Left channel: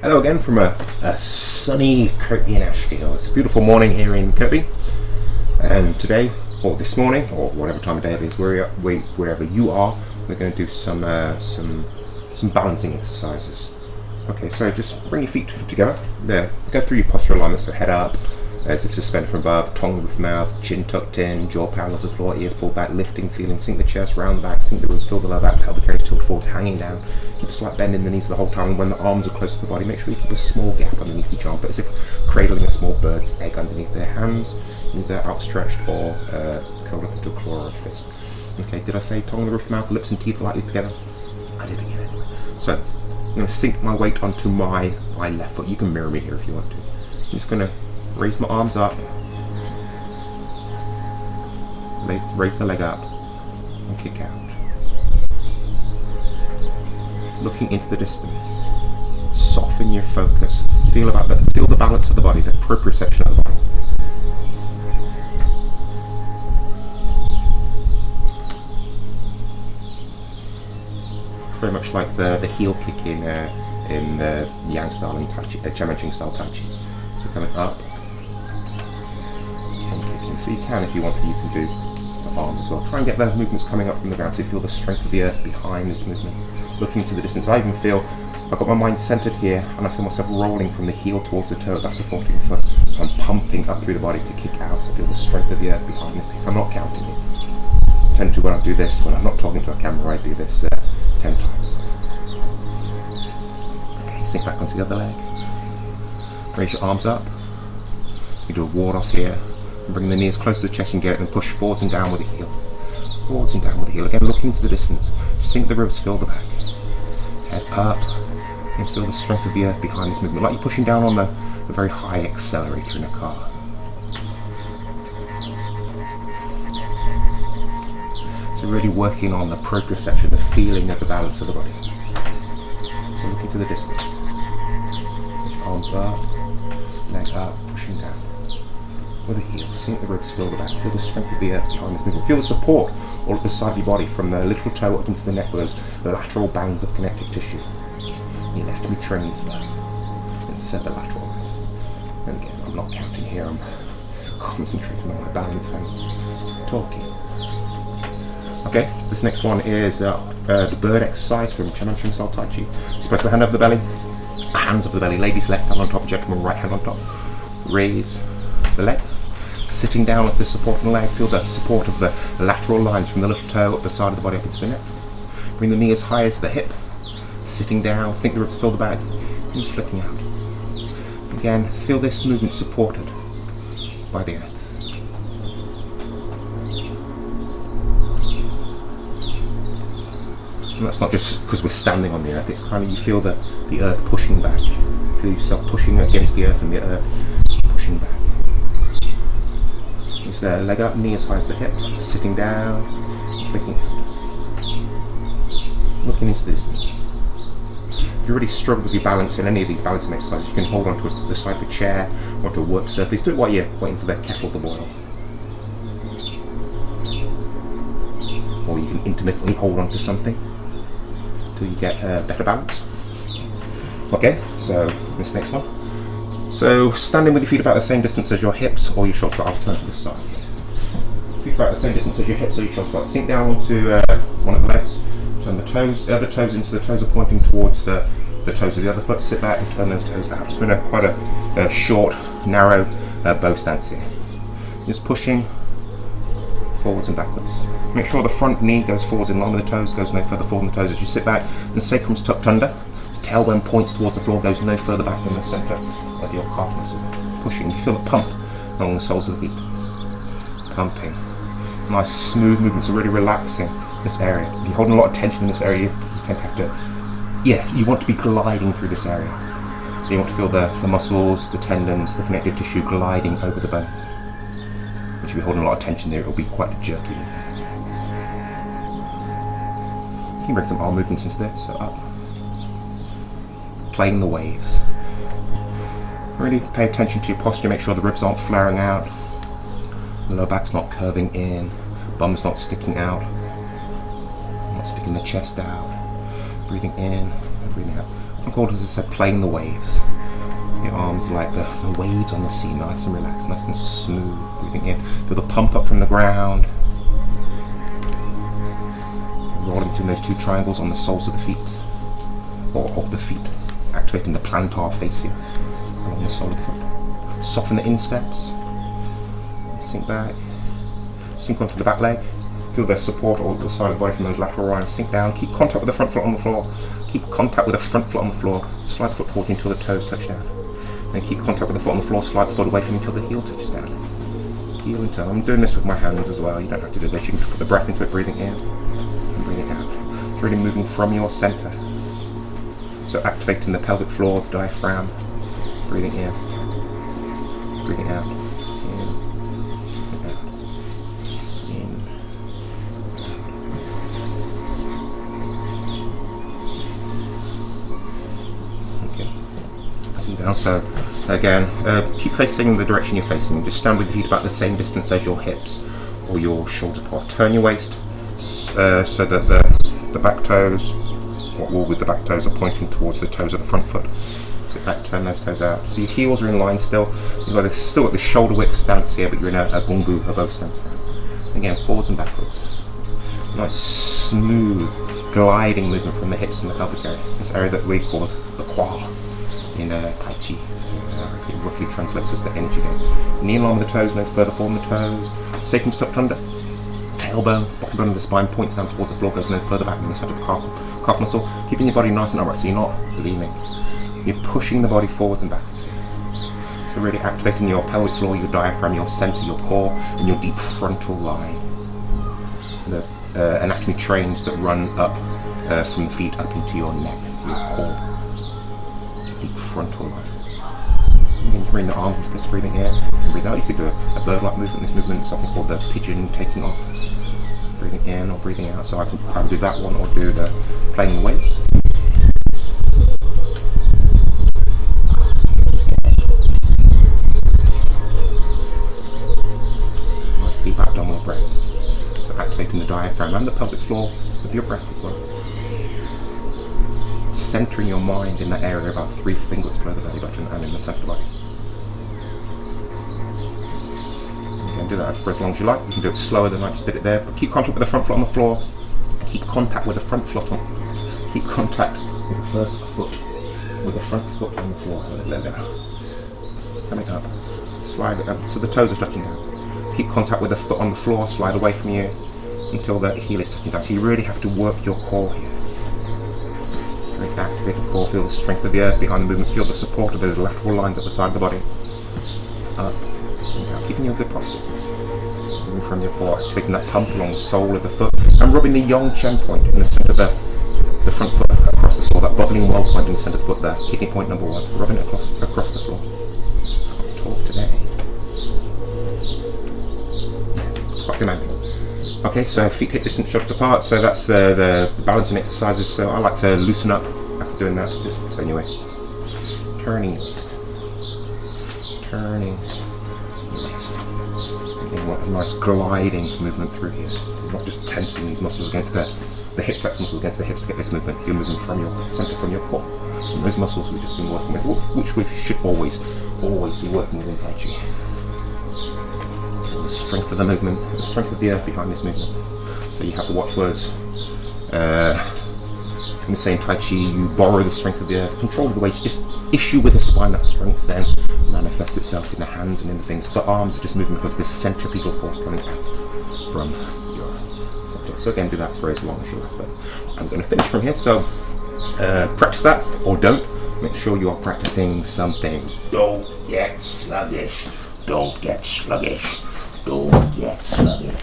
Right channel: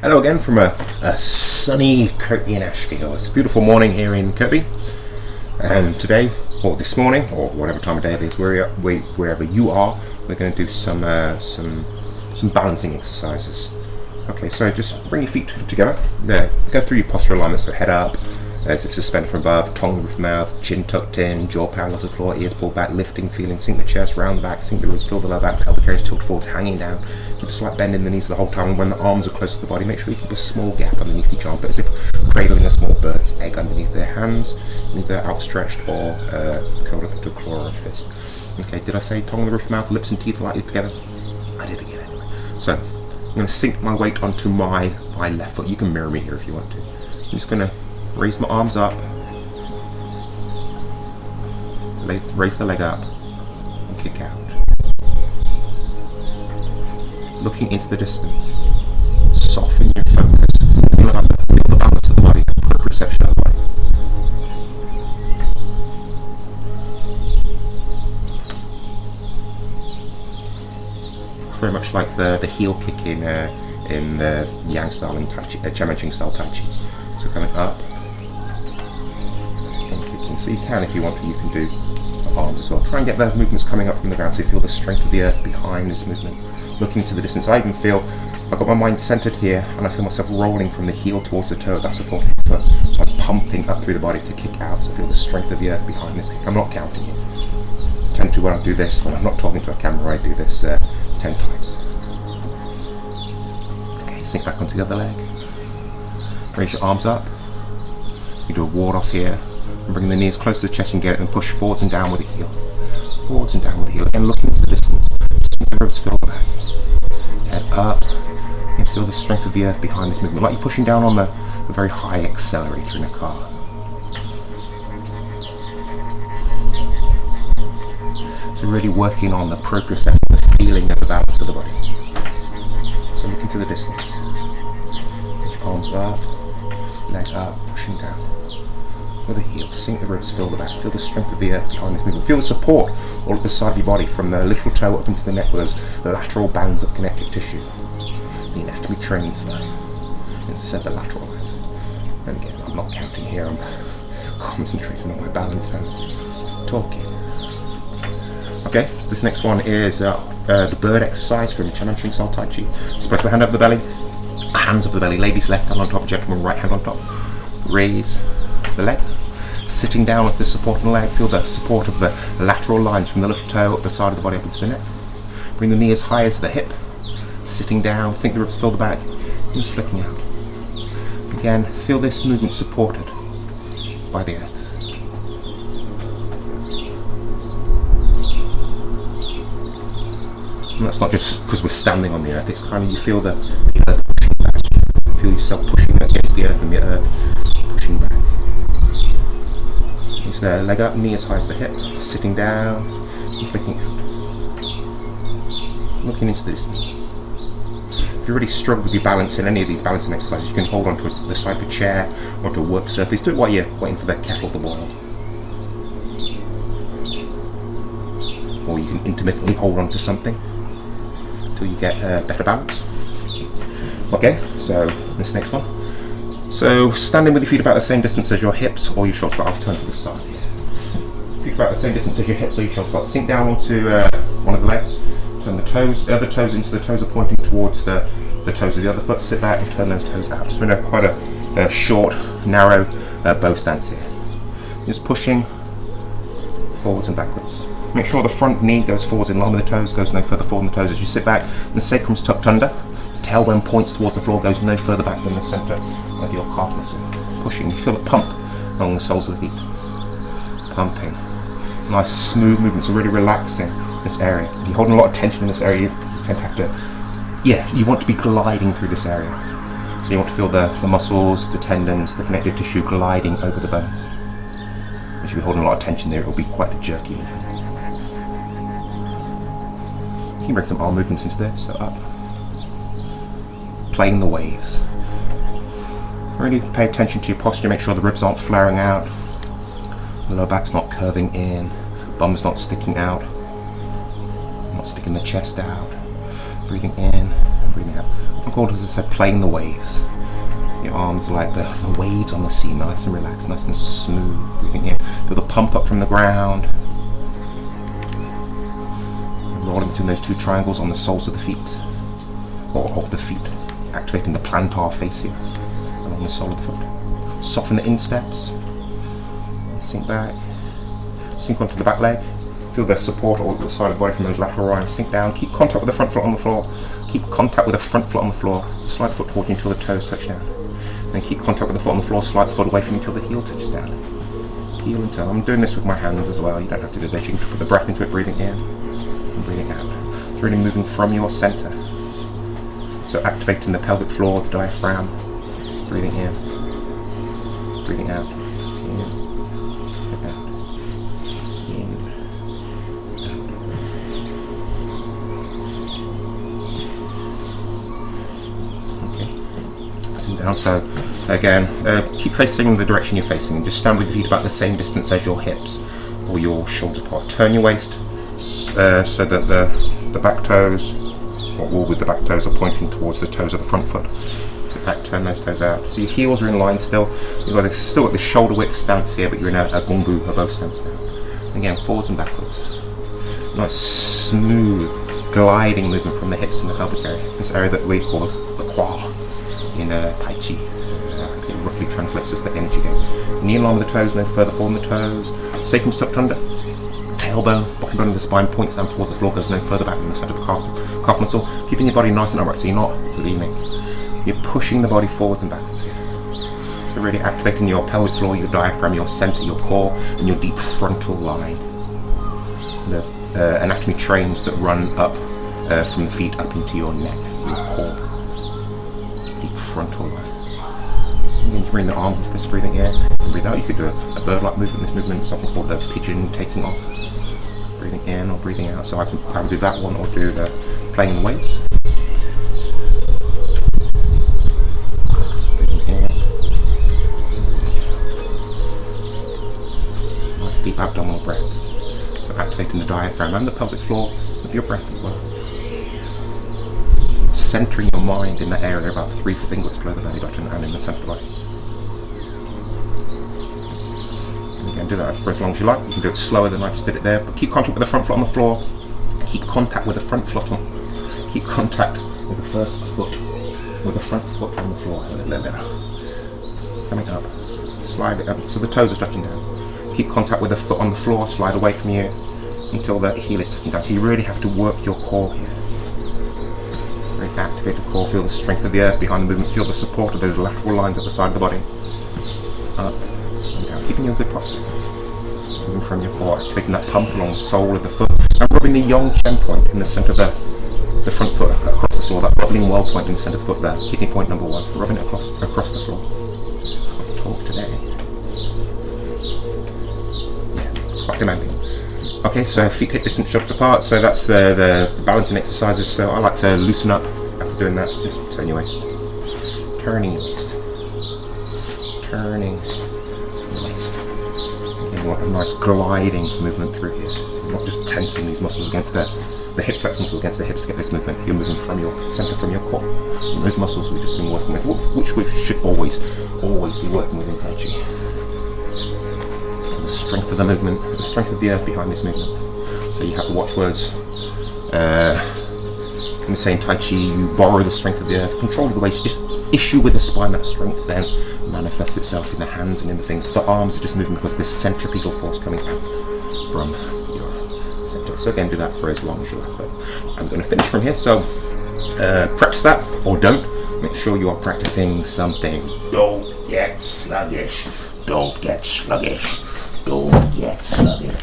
Hello again from a sunny Kirkby in Ashfield. It's a beautiful morning here in Kirkby, and today, or this morning, or whatever time of day it is, wherever you are, we're going to do some balancing exercises. Okay, so just bring your feet together. Go through your postural alignment, so head up, as if suspended from above, tongue with mouth, chin tucked in, jaw parallel to the floor, ears pulled back, lifting, feeling, sink the chest, round the back, sink the ribs, fill the lower back, pelvic areas tilt forward, hanging down. Keep a slight bend in the knees the whole time, and when the arms are close to the body, make sure you keep a small gap underneath each arm, but as if cradling a small bird's egg underneath their hands, either outstretched or curled up into a claw or a fist. Okay, did I say tongue, the roof, mouth, lips and teeth lightly together? I did again anyway. So, I'm going to sink my weight onto my left foot. You can mirror me here if you want to. I'm just going to raise my arms up, raise the leg up, and kick out. Looking into the distance, soften your focus. Feel the balance of the body, the proprioception of the body. It's very much like the heel kick in the Yang style and Chamanching style Tai Chi. So coming up and kicking. So you can, if you want to, you can do the arms as well. Try and get the movements coming up from the ground so you feel the strength of the earth behind this movement. Looking to the distance, I even feel I've got my mind centered here, and I feel myself rolling from the heel towards the toe of that supporting foot. So I'm pumping up through the body to kick out. So I feel the strength of the earth behind this kick. I'm not counting it. I tend to, when I do this, when I'm not talking to a camera, I do this 10 times. Okay, sink back onto the other leg. Raise your arms up. You do a ward off here, and bring the knees close to the chest and get it, and push forwards and down with the heel. Forwards and down with the heel. Again, looking into the distance. Sink the ribs, fill the back. Head up, and feel the strength of the earth behind this movement, like you're pushing down on the very high accelerator in a car. So really working on the proprioception, the feeling of the balance of the body. So looking to the distance. Arms up, leg up, pushing down. With the heel, sink the ribs, fill the back. Feel the strength of the earth behind this movement. Feel the support all at the side of your body, from the little toe up into the neck with those lateral bands of connective tissue. The anatomy trains that. Instead the lateral lines. And again, I'm not counting here, I'm concentrating on my balance and talking. Okay, so this next one is the bird exercise from Chamanching style Tai Chi. So place the hand over the belly, hands over the belly, ladies left hand on top, gentlemen right hand on top. Raise the leg. Sitting down with the support on the leg, feel the support of the lateral lines from the little toe up the side of the body up into the neck. Bring the knee as high as the hip. Sitting down, sink the ribs, fill the back, and just flicking out. Again, feel this movement supported by the earth. And that's not just because we're standing on the earth, it's kind of, you feel the earth pushing back. Feel yourself pushing against the earth and the earth pushing back. Use the leg up, knee as high as the hip, sitting down, and flicking out. Looking into the distance. If you really struggle with your balance in any of these balancing exercises, you can hold onto the side of a chair or to a work surface. Do it while you're waiting for the kettle to boil. Or you can intermittently hold onto something until you get better balance. Okay, so this next one. So standing with your feet about the same distance as your hips or your shoulders, but I'll turn to the side. Feet about the same distance as your hips or your shoulders, but sink down onto one of the legs. Turn the other toes into the toes are pointing towards the toes of the other foot. Sit back and turn those toes out. So we're in quite a short, narrow bow stance here. Just pushing forwards and backwards. Make sure the front knee goes forwards in line with the toes, goes no further forward than the toes as you sit back. The sacrum's tucked under. Tailbone points towards the floor, goes no further back than the center of your calf muscle. Pushing, you feel the pump along the soles of the feet. Pumping. Nice smooth movements, so really relaxing this area. If you're holding a lot of tension in this area, you tend to have to, you want to be gliding through this area. So you want to feel the muscles, the tendons, the connective tissue gliding over the bones. If you're holding a lot of tension there, it'll be quite a jerky movement. You can bring some arm movements into this, so up. Playing the waves. Really pay attention to your posture, make sure the ribs aren't flaring out, the lower back's not curving in, bum's not sticking out, not sticking the chest out. Breathing in and breathing out. I'm called, as I said, playing the waves. Your arms are like the waves on the sea, nice and relaxed, nice and smooth. Breathing in, feel the pump up from the ground. And rolling between those two triangles on the soles of the feet, or of the feet, activating the plantar fascia along the sole of the foot. Soften the insteps. Sink back. Sink onto the back leg. Feel the support or the side of the body from those lateral lines. Sink down. Keep contact with the front foot on the floor. Keep contact with the front foot on the floor. Slide the foot forward until the toes touch down. Then keep contact with the foot on the floor. Slide the foot away from you until the heel touches down. Heel and toe. I'm doing this with my hands as well. You don't have to do this. You can put the breath into it, breathing in and breathing out. It's really moving from your center. So activating the pelvic floor, the diaphragm. Breathing in, breathing out. In, out. In, out. Okay. Sitting down. So again, keep facing the direction you're facing. Just stand with your feet about the same distance as your hips or your shoulders apart. Turn your waist so that the back toes, or all with the back toes, are pointing towards the toes of the front foot. Sit back, turn those toes out. So your heels are in line still. You've got still at the shoulder width stance here, but you're in a gungu, a bow stance now. Again, forwards and backwards. Nice smooth gliding movement from the hips and the pelvic area. This area that we call the qua in Tai Chi. It roughly translates as the energy game. Knee in line with the toes, no further forward than the toes. Sacrum tucked under. Tailbone, bottom bone of the spine points down towards the floor, goes no further back than the center of the calf muscle. Keeping your body nice and upright, so you're not leaning. You're pushing the body forwards and backwards here. So really activating your pelvic floor, your diaphragm, your center, your core, and your deep frontal line. The anatomy trains that run up from the feet up into your neck, your core. Deep frontal line. You can bring the arms into this, breathing in and breathe out. You could do a bird-like movement. This movement is something called the pigeon taking off. Breathing in or breathing out. So I can either do that one or do the playing the waves. Nice deep abdominal breaths. So activating the diaphragm and the pelvic floor with your breath as well. Centering your mind in that area about 3 fingers below the belly button and in the center of the body. And again, do that for as long as you like. You can do it slower than I just did it there, but keep contact with the front foot on the floor. Keep contact with the front foot on. Keep contact with the first foot, with the front foot on the floor. Coming up, slide it up so the toes are touching down. Keep contact with the foot on the floor. Slide away from you until the heel is touching down. So you really have to work your core here. Really activate the core, feel the strength of the earth behind the movement, feel the support of those lateral lines at the side of the body. Up and down, keeping you in good posture. Moving from your core, activating that pump along the sole of the foot, and rubbing the Yang Chen point in the center of the front foot across the floor, that bobbling well point in the center of the foot there, kidney point number 1, rubbing it across the floor. I'll talk today. Yeah, it's quite demanding. Okay, so feet hip distance shoved apart, so that's the balancing exercises. So I like to loosen up after doing that, so just turn your waist. Turning your waist. Turning your waist. Again, you want a nice gliding movement through here. So you're not just tensing these muscles against the hip flex muscles against the hips to get this movement. You're moving from your center, from your core. And those muscles we've just been working with, which we should always be working with in Tai Chi. The strength of the movement, the strength of the earth behind this movement. So you have the watchwords. When we say in Tai Chi, you borrow the strength of the earth, control the weight, just issue with the spine. That strength then manifests itself in the hands and in the things. The arms are just moving because there's centripetal force coming out from your center. So again, do that for as long as you like. But I'm going to finish from here. So practice that or don't. Make sure you are practicing something. Don't get sluggish. Don't get sluggish. Don't get sluggish.